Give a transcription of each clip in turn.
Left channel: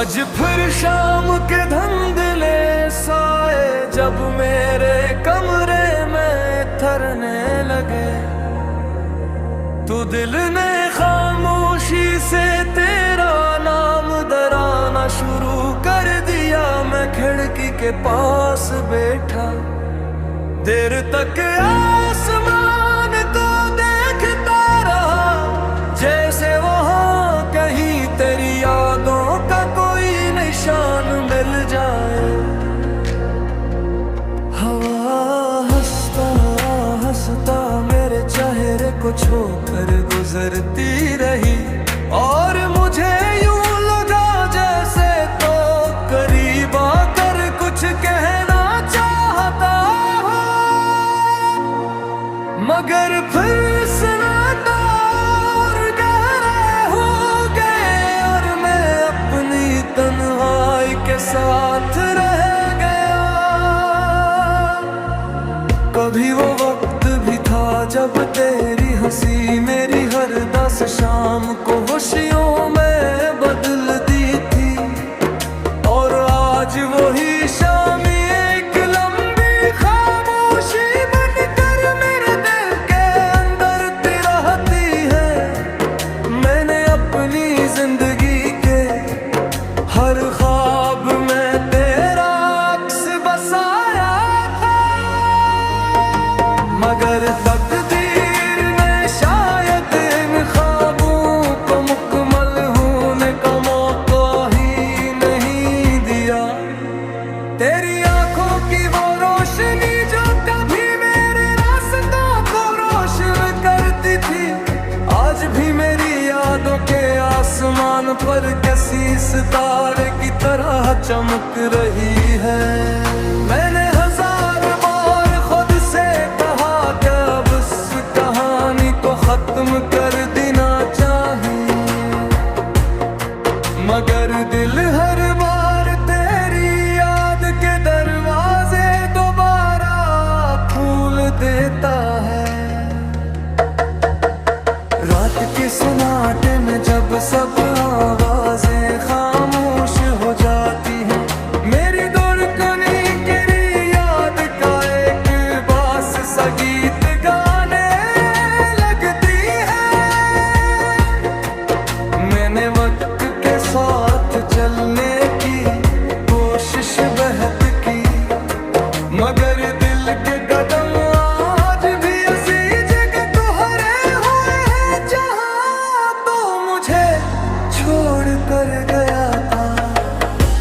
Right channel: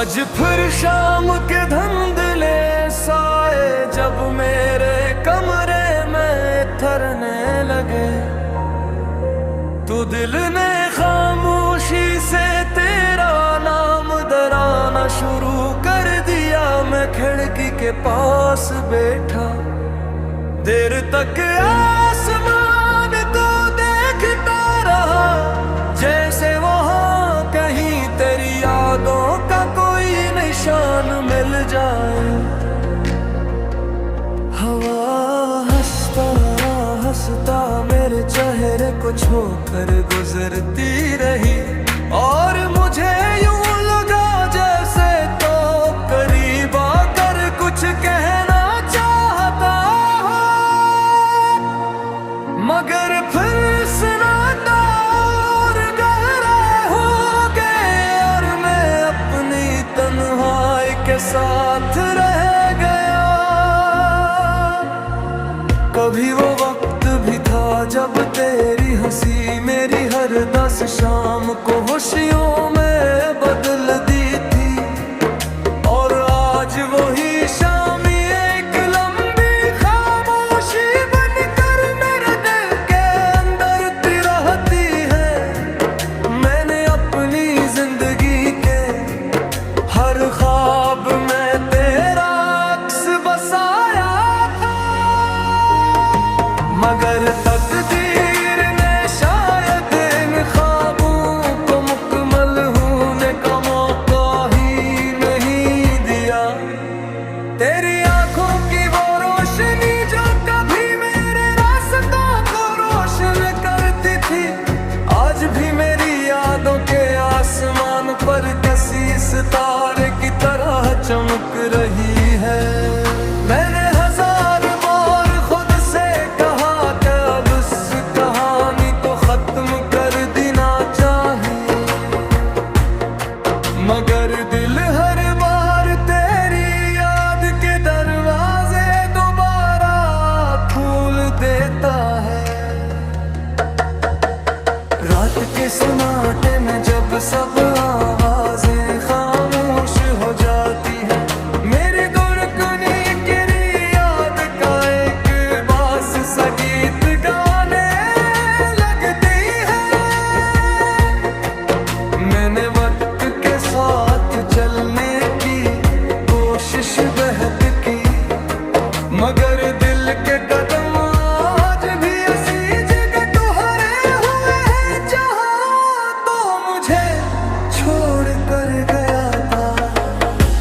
आज फिर शाम के धुंधले साए जब मेरे कमरे में थरने लगे, तो दिल ने खामोशी से तेरा नाम दराना शुरू कर दिया। मैं खिड़की के पास बैठा देर तक आसमान को देखता रहा, जैसे वहां कहीं तेरी यादों का कोई निशान मिल जाए। हवा हंसता हंसता मेरे चेहरे को छूकर गुजरती रही, और मुझे यूं लगा जैसे तो करीब आकर कुछ कहना चाहता हो, मगर फिर सन्नाटा और गहरा हो गए और मैं अपनी तन्हाई के साथ रह गया। कभी वो वक्त भी था जब तेरी हंसी मेरी हर 10 शाम को खुशियों में बदल दी थी, और आज वही शाम एक लंबी खामोशी बनकर मेरे दिल के अंदर तिरहती है। मैंने अपनी जिंदगी के हर ख्वाब में तेरा अक्स बसाया था, मगर तकदीर ने शायद इन ख्वाबों को मुकम्मल होने का मौका ही नहीं दिया। तेरी आंखों की वो रोशनी जो कभी मेरे रास्तों को रोशन करती थी, आज भी मेरी यादों के आसमान पर किसी सितारे की तरह चमक रही है। मैंने हजार बार खुद से कहा कि अब इस कहानी को खत्म कर देना चाहिए, मगर दिल हर बार तेरी याद के दरवाजे दोबारा खोल देता है। रात के सन्नाटे में जब सब आवाजें खामोश हो जाती हैं, मेरी धड़कने तेरी याद का एक बास सा गीत गाने लगती है। मैंने वक्त के साथ चलने की कोशिश बहुत की, मगर दिल के कदम आज भी ऐसी जगह ठहरे हुए हैं जहां तो मुझे छोड़ कर गया था।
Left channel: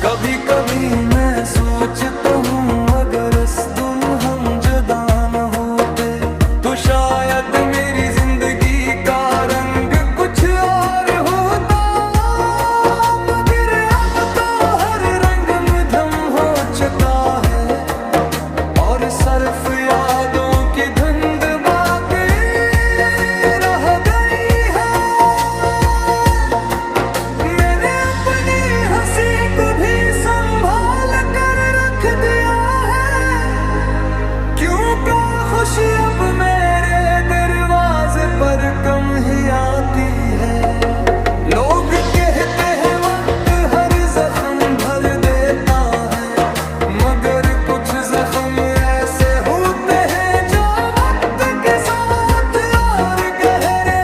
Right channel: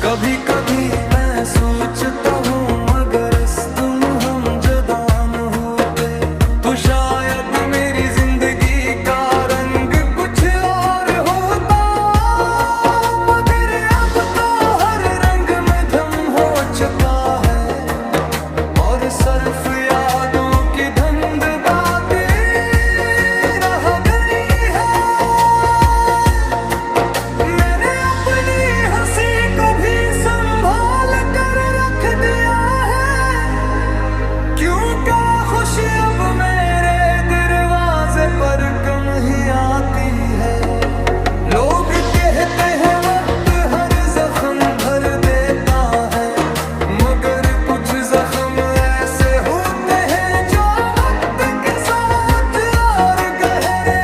कभी कभी मैं सोचता हूँ अगर इस दिन हम जुदा न होते तो शायद मेरी जिंदगी का रंग कुछ और होता, मगर अब तो हर रंग मध्यम हो चुका है और सिर्फ यादों की धुंध बाकी रह गई है। मैंने अपनी हंसी को भी संभाल कर रख दिया है, क्योंकि खुशी अब मेरे दरवाजे पर कम ही आती है। लोग कहते हैं वक्त हर जख्म भर देता है, मगर कुछ जख्म ऐसे होते हैं जो वक्त के साथ और गहरे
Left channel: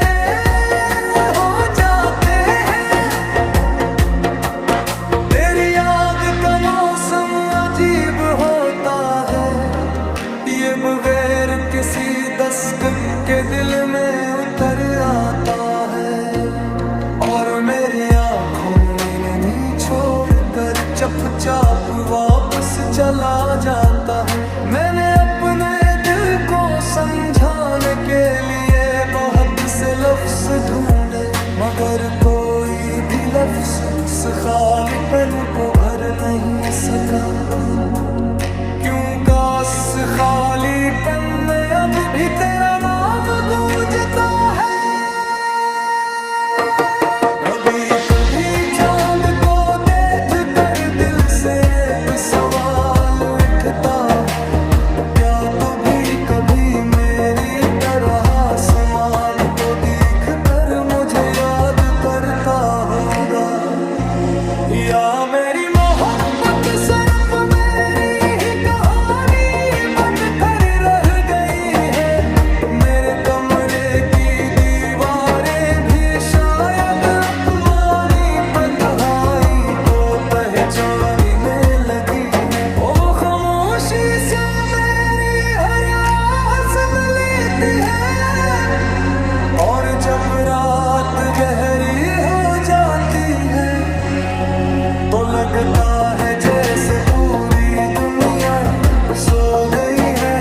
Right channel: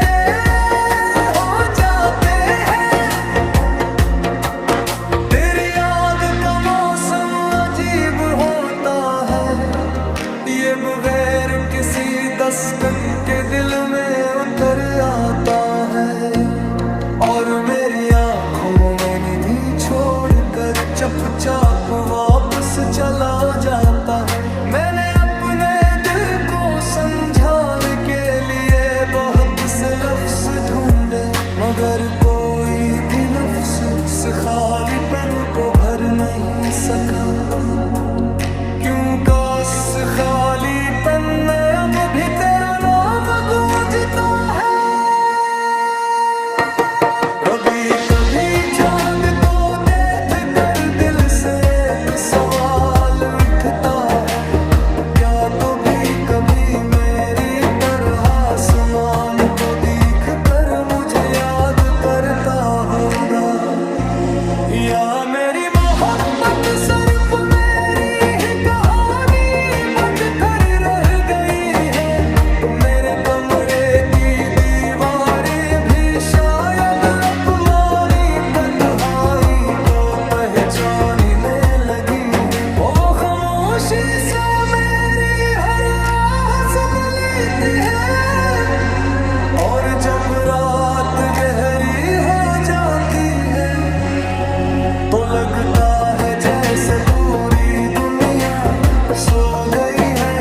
हो जाते हैं। तेरी याद का मौसम अजीब होता है, ये बगैर किसी दस्तक के दिल में उतर आता है, और मेरी आंखों में नहीं छोड़कर चुपचाप वापस चला जाता है। मैंने अपने दिल को समझाने के लिए बहुत से लफ्ज ढूंढे, मगर कोई भी लफ्ज उस खालीपन को भर नहीं सका, क्योंकि उस खालीपन में अब भी तेरा नाम गूंजता है। कभी कभी चांद को देख कर दिल से एक सवाल उठता है, क्या तो भी कभी मेरी तरह आसमान को देख कर मुझे याद करता होगा, या भी हो जाती है तो लगता है जैसे पूरी दुनिया सो गई है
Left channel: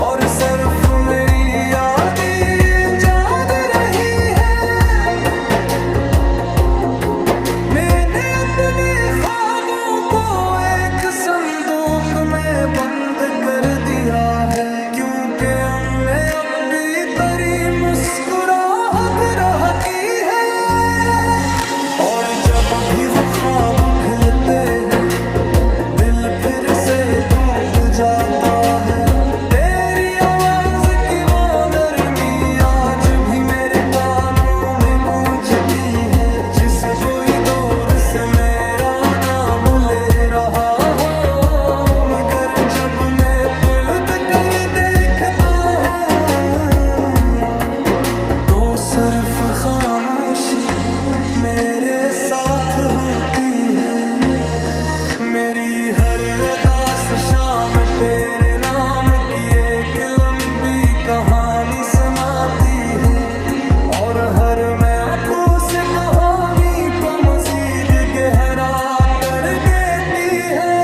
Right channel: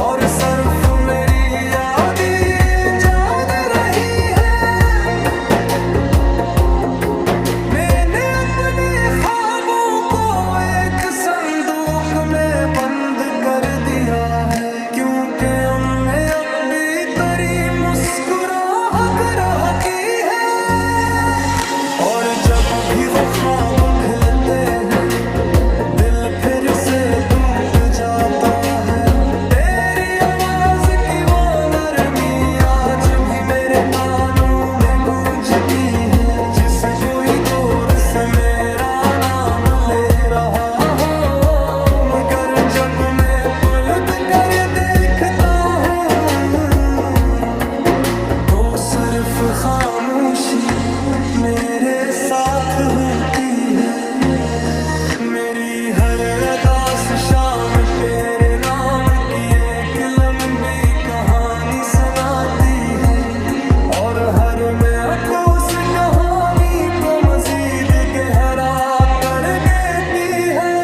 और सिर्फ मेरी यादें जाग रही है। मैंने अपने ख्वाबों को एक संदूक में बंद कर दिया है क्योंकि हमें अब भी तेरी मुस्कुराहट रहती है और जब भी वो ख्वाब खिलते हैं दिल फिर से टूट जाता है। तेरी आवाज की वो नरमी आज भी मेरे कानों में गूंजती है जिसे कोई दूर से मेरा नाम ले रहा हो मगर जब मैं पलट कर देखता हूँ तो सिर्फ खामोशी मेरे साथ होती है। मेरी हर अदास शाम तेरे नाम की एक लंबी कहानी सुनाती है और हर मैं आंखों से कहानी को मजीद गहरा कर देती है।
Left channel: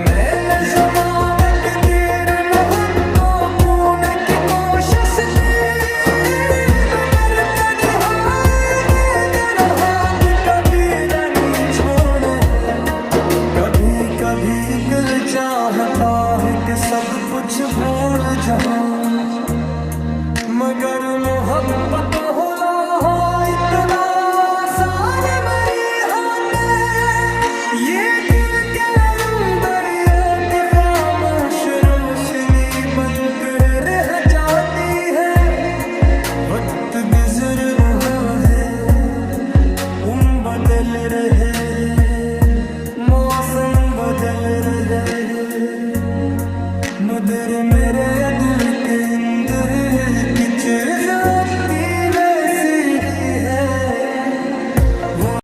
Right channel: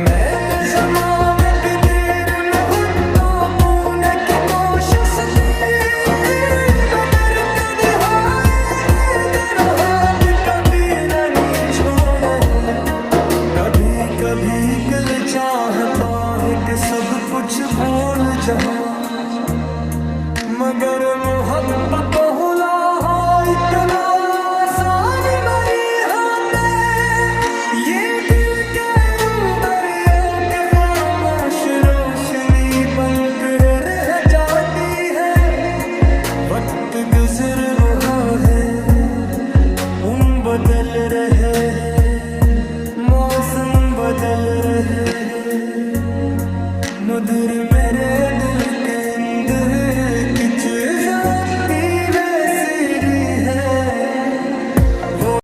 मैंने ज़माने के तेरे मुहब्बतों बूने की कोशिश की मगर कभी हाय दे देना हाथ कभी नहीं छोड़े। कभी कभी दिल चाहता है कि सब कुछ भूल जाऊं मगर मोहब्बत होला हो इतना आसान मेरी हाथ ये दिल के दरिया के खामोश रोशनी बनकर रह जाती है। वक्त गुजर रहा है बदल रहे हैं मौसम बदल रहे हैं मगर मेरे दिल के अंदर की चीज आपकी वैसी ही है। वो